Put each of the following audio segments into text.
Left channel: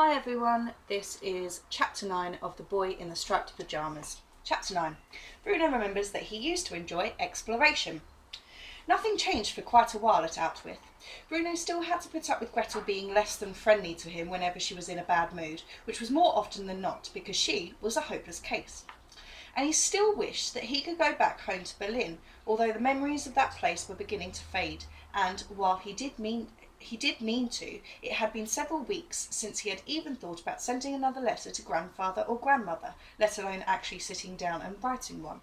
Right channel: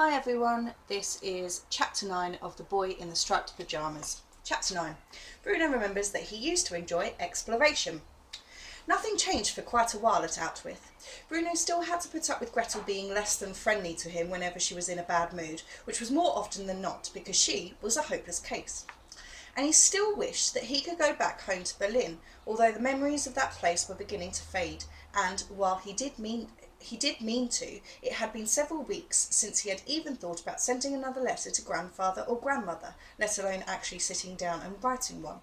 Hi everyone, this is Chapter 9 of The Boy in the Striped Pyjamas. Chapter 9. Bruno remembers that he used to enjoy exploration. Nothing changed for quite a while at Outwith. Bruno still had to put up with Gretel being less than friendly to him whenever she was in a bad mood, which was more often than not because she was a hopeless case. And he still wished that he could go back home to Berlin, although the memories of that place were beginning to fade, and while he did mean to, it had been several weeks since he had even thought about sending another letter to grandfather or grandmother, let alone actually sitting down and writing one.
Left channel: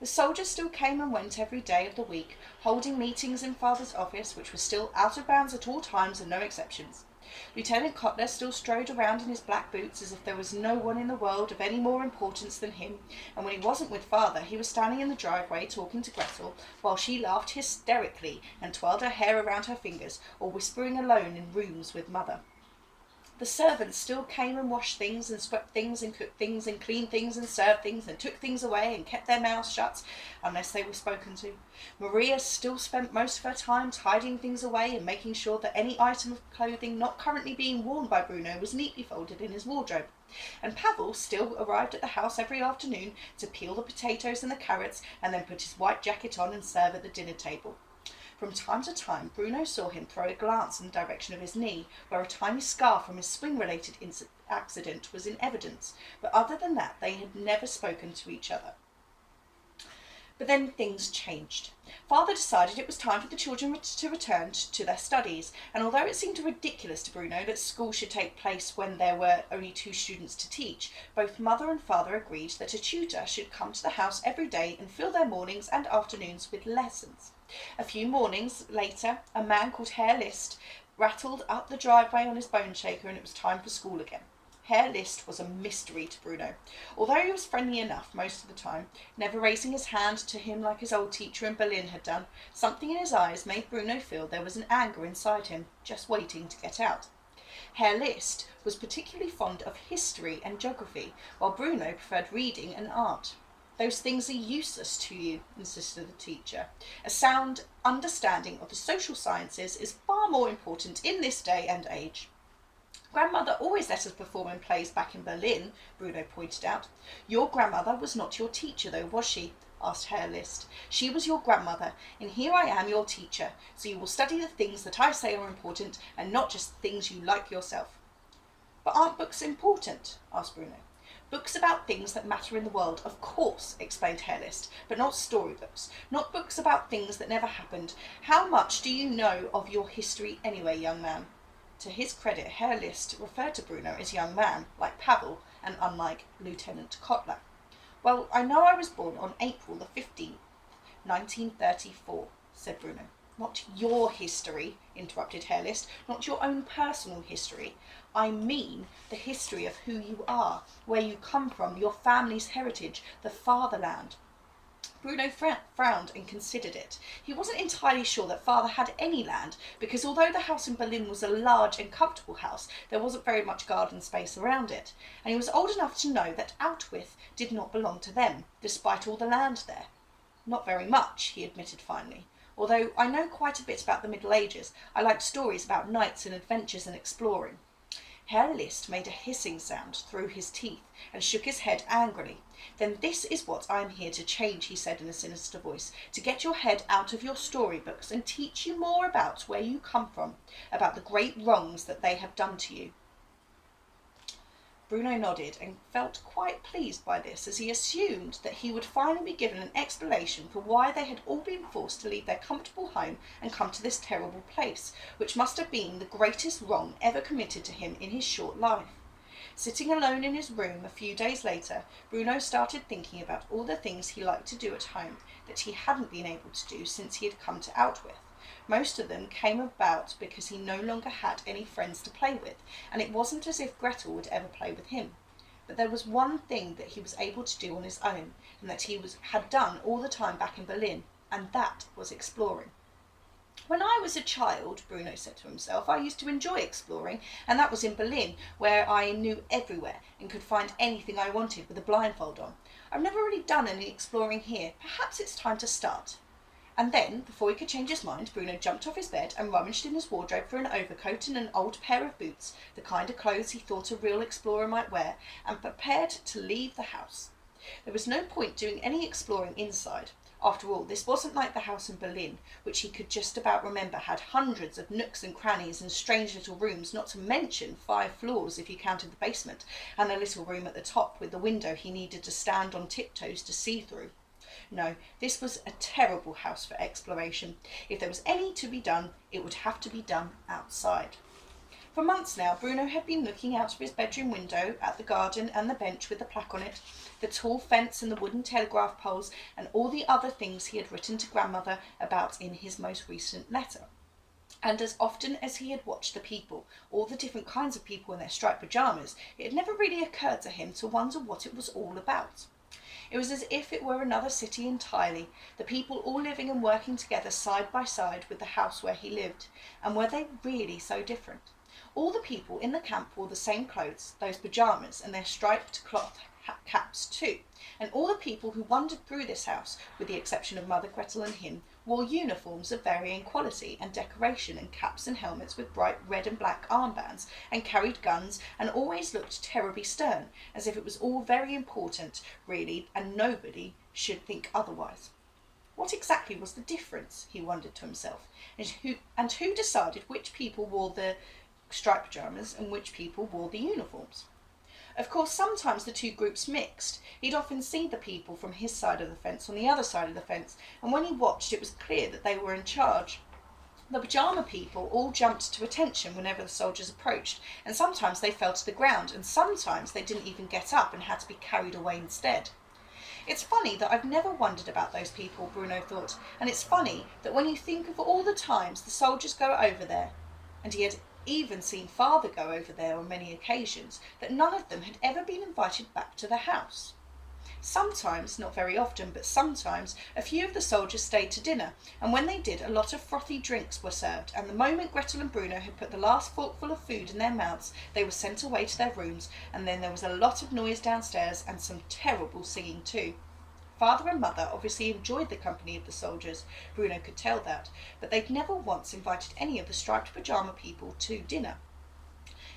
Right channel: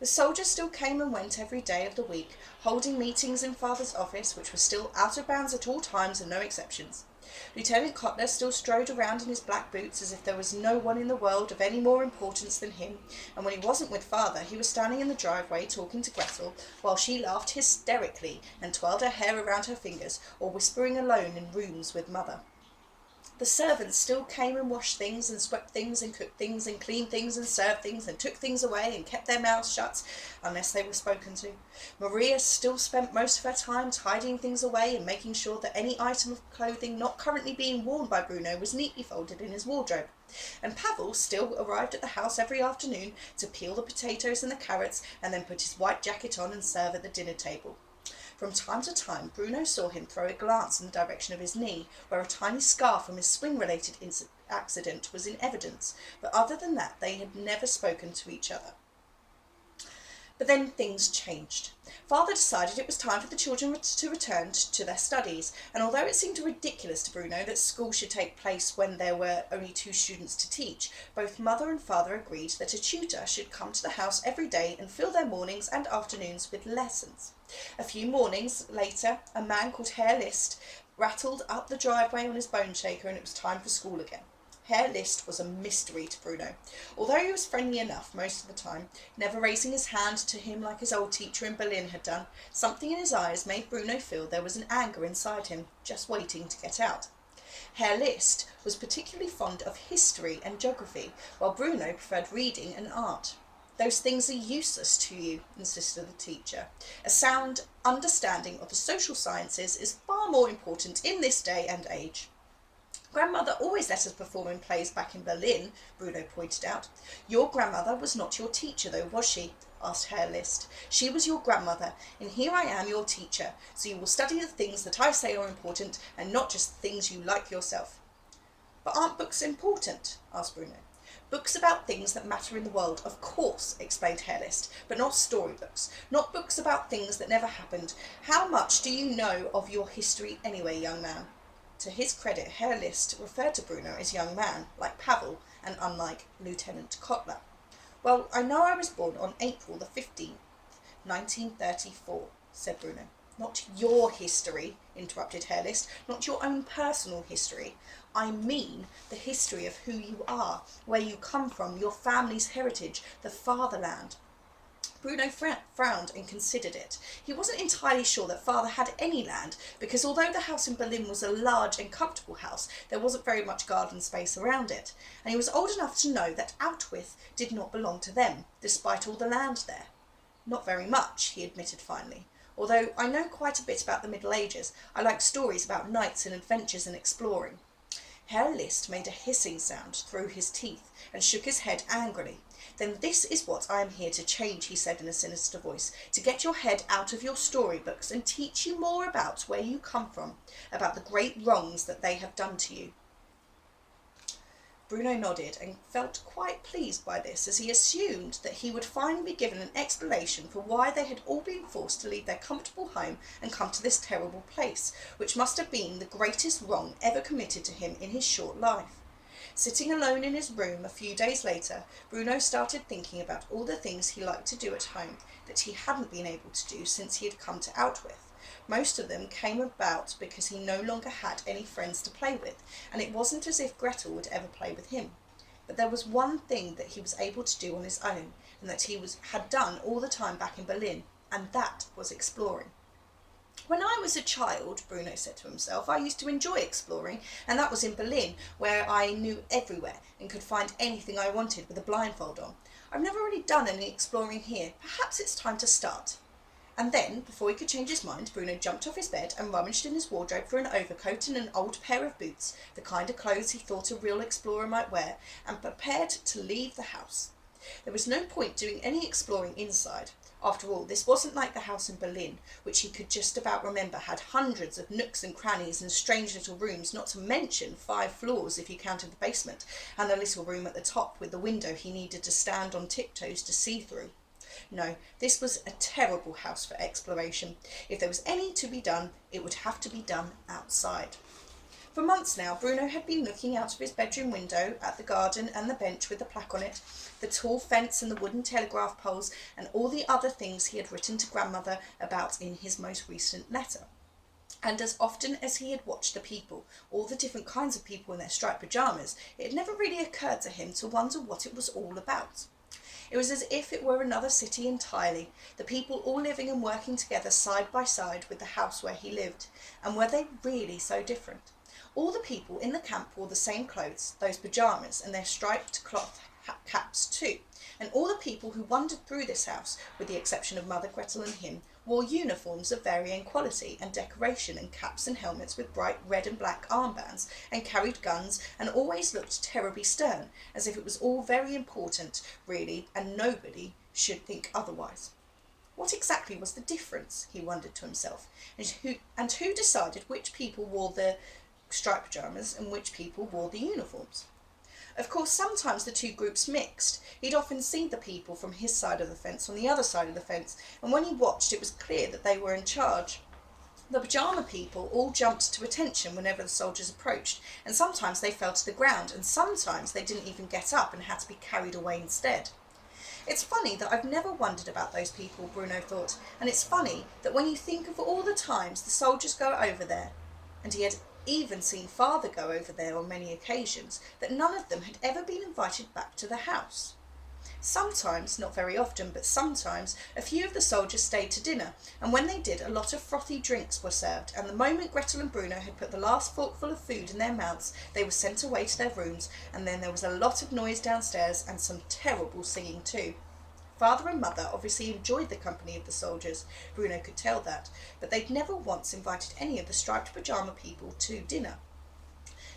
The soldiers still came and went every day of the week, holding meetings in father's office, which was still out of bounds at all times and no exceptions. Lieutenant Kotler still strode around in his black boots as if there was no one in the world of any more importance than him, and when he wasn't with father he was standing in the driveway talking to Gretel while she laughed hysterically and twirled her hair around her fingers, or whispering alone in rooms with mother. The servants still came and washed things and swept things and cooked things and cleaned things and served things and took things away and kept their mouths shut unless they were spoken to. Maria still spent most of her time tidying things away and making sure that any item of clothing not currently being worn by Bruno was neatly folded in his wardrobe. And Pavel still arrived at the house every afternoon to peel the potatoes and the carrots and then put his white jacket on and serve at the dinner table. From time to time, Bruno saw him throw a glance in the direction of his knee, where a tiny scar from his swing-related accident was in evidence, but other than that they had never spoken to each other. But then things changed. Father decided it was time for the children to return to their studies, and although it seemed ridiculous to Bruno that school should take place when there were only 2 students to teach, both mother and father agreed that a tutor should come to the house every day and fill their mornings and afternoons with lessons. A few mornings later, a man called Herr List rattled up the driveway on his bone shaker, and it was time for school again. Herr List was a mystery to Bruno. Although he was friendly enough most of the time, never raising his hand to him like his old teacher in Berlin had done, something in his eyes made Bruno feel there was an anger inside him, just waiting to get out. Herr List was particularly fond of history and geography, while Bruno preferred reading and art. Those things are useless to you, insisted the teacher. A sound understanding of the social sciences is far more important in this day and age. Grandmother always let us perform in plays back in Berlin, Bruno pointed out. Your grandmother was not your teacher, though, was she? Asked Herr List. She was your grandmother, and here I am your teacher, so you will study the things that I say are important, and not just the things you like yourself. But aren't books important? Asked Bruno. Books about things that matter in the world, of course, explained Herr List, but not storybooks, not books about things that never happened. How much do you know of your history anyway, young man? To his credit, Herr List referred to Bruno as young man, like Pavel, and unlike Lieutenant Kotler. Well, I know I was born on April the 15th, 1934, said Bruno. Not your history, interrupted Herr List, not your own personal history. I mean the history of who you are, where you come from, your family's heritage, the fatherland. Bruno frowned and considered it. He wasn't entirely sure that father had any land, because although the house in Berlin was a large and comfortable house, there wasn't very much garden space around it, and he was old enough to know that Outwith did not belong to them, despite all the land there. Not very much, he admitted finally. Although I know quite a bit about the Middle Ages, I like stories about knights and adventures and exploring. Herr List made a hissing sound through his teeth and shook his head angrily. Then this is what I am here to change, he said in a sinister voice, to get your head out of your storybooks and teach you more about where you come from, about the great wrongs that they have done to you. Bruno nodded and felt quite pleased by this, as he assumed that he would finally be given an explanation for why they had all been forced to leave their comfortable home and come to this terrible place, which must have been the greatest wrong ever committed to him in his short life. Sitting alone in his room a few days later, Bruno started thinking about all the things he liked to do at home that he hadn't been able to do since he had come to Outwith. Most of them came about because he no longer had any friends to play with, and it wasn't as if Gretel would ever play with him. But there was one thing that he was able to do on his own, and that he had done all the time back in Berlin, and that was exploring. When I was a child, Bruno said to himself, I used to enjoy exploring, and that was in Berlin, where I knew everywhere and could find anything I wanted with a blindfold on. I've never really done any exploring here. Perhaps it's time to start. And then, before he could change his mind, Bruno jumped off his bed and rummaged in his wardrobe for an overcoat and an old pair of boots, the kind of clothes he thought a real explorer might wear, and prepared to leave the house. There was no point doing any exploring inside. After all, this wasn't like the house in Berlin, which he could just about remember had hundreds of nooks and crannies and strange little rooms, not to mention 5 floors if you counted the basement, and a little room at the top with the window he needed to stand on tiptoes to see through. No, this was a terrible house for exploration. If there was any to be done, it would have to be done outside. For months now, Bruno had been looking out of his bedroom window at the garden and the bench with the plaque on it, the tall fence and the wooden telegraph poles, and all the other things he had written to grandmother about in his most recent letter. And as often as he had watched the people, all the different kinds of people in their striped pyjamas, it had never really occurred to him to wonder what it was all about. It was as if it were another city entirely, the people all living and working together side by side with the house where he lived. And were they really so different? All the people in the camp wore the same clothes, those pyjamas, and their striped cloth caps too. And all the people who wandered through this house, with the exception of Mother Gretel and him, wore uniforms of varying quality and decoration, and caps and helmets with bright red and black armbands, and carried guns, and always looked terribly stern, as if it was all very important, really, and nobody should think otherwise. What exactly was the difference, he wondered to himself, and who decided which people wore the striped pyjamas and which people wore the uniforms? Of course, sometimes the two groups mixed. He'd often seen the people from his side of the fence on the other side of the fence, and when he watched it was clear that they were in charge. The pyjama people all jumped to attention whenever the soldiers approached, and sometimes they fell to the ground, and sometimes they didn't even get up and had to be carried away instead. It's funny that I've never wondered about those people, Bruno thought, and it's funny that when you think of all the times the soldiers go over there, and he had even seen father go over there on many occasions, that none of them had ever been invited back to the house. Sometimes, not very often, but sometimes, a few of the soldiers stayed to dinner, and when they did, a lot of frothy drinks were served, and the moment Gretel and Bruno had put the last forkful of food in their mouths, they were sent away to their rooms, and then there was a lot of noise downstairs, and some terrible singing too. Father and Mother obviously enjoyed the company of the soldiers, Bruno could tell that, but they'd never once invited any of the striped pyjama people to dinner.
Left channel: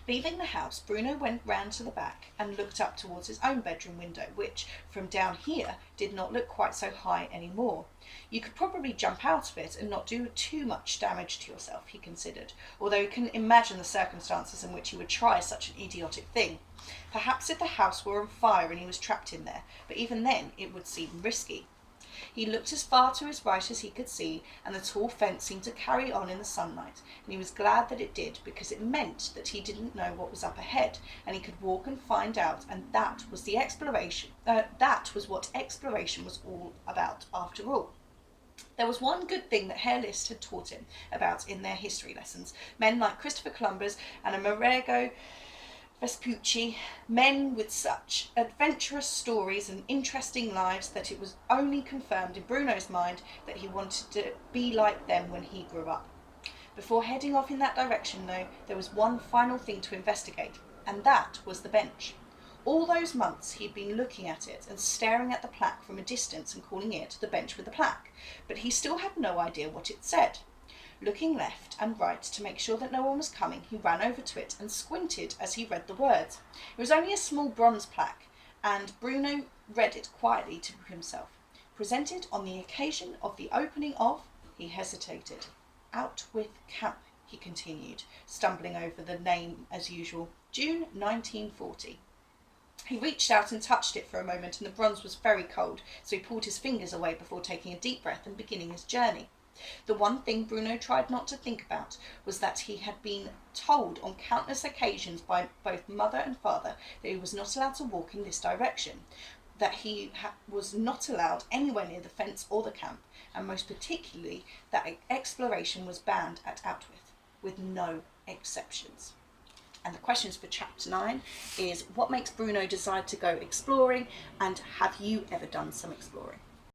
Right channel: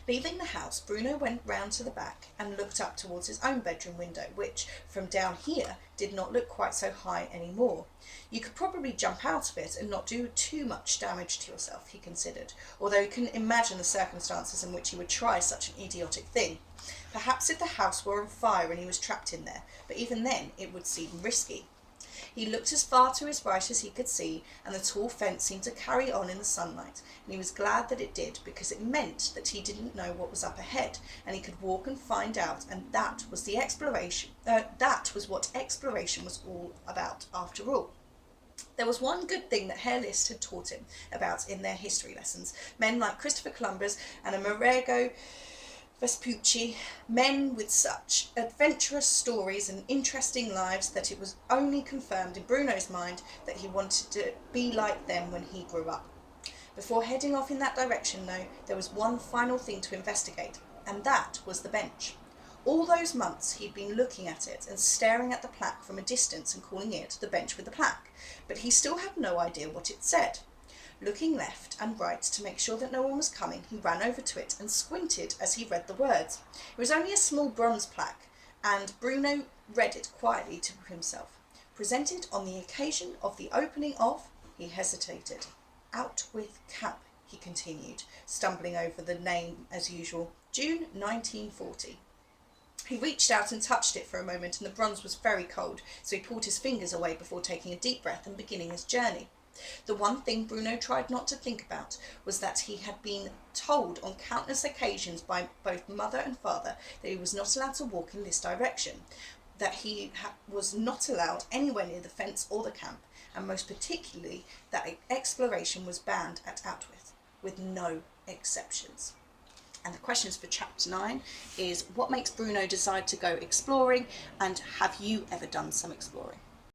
Leaving the house, Bruno went round to the back and looked up towards his own bedroom window, which, from down here, did not look quite so high anymore. You could probably jump out of it and not do too much damage to yourself, he considered, although he couldn't imagine the circumstances in which he would try such an idiotic thing. Perhaps if the house were on fire and he was trapped in there, but even then it would seem risky. He looked as far to his right as he could see, and the tall fence seemed to carry on in the sunlight, and he was glad that it did, because it meant that he didn't know what was up ahead, and he could walk and find out, and that was the exploration. That was what exploration was all about, after all. There was one good thing that Herr Liszt had taught him about in their history lessons. Men like Christopher Columbus and Amerigo Vespucci, men with such adventurous stories and interesting lives, that it was only confirmed in Bruno's mind that he wanted to be like them when he grew up. Before heading off in that direction, though, there was one final thing to investigate, and that was the bench. All those months he'd been looking at it and staring at the plaque from a distance and calling it the bench with the plaque, but he still had no idea what it said. Looking left and right to make sure that no one was coming, he ran over to it and squinted as he read the words. It was only a small bronze plaque, and Bruno read it quietly to himself. Presented on the occasion of the opening of, he hesitated. Out with camp, he continued, stumbling over the name as usual. June 1940. He reached out and touched it for a moment, and the bronze was very cold, so he pulled his fingers away before taking a deep breath and beginning his journey. The one thing Bruno tried not to think about was that he had been told on countless occasions by both mother and father that he was not allowed to walk in this direction, that he was not allowed anywhere near the fence or the camp, and most particularly that exploration was banned at Outwith, with no exceptions. And the questions for Chapter 9 is, what makes Bruno decide to go exploring, and have you ever done some exploring?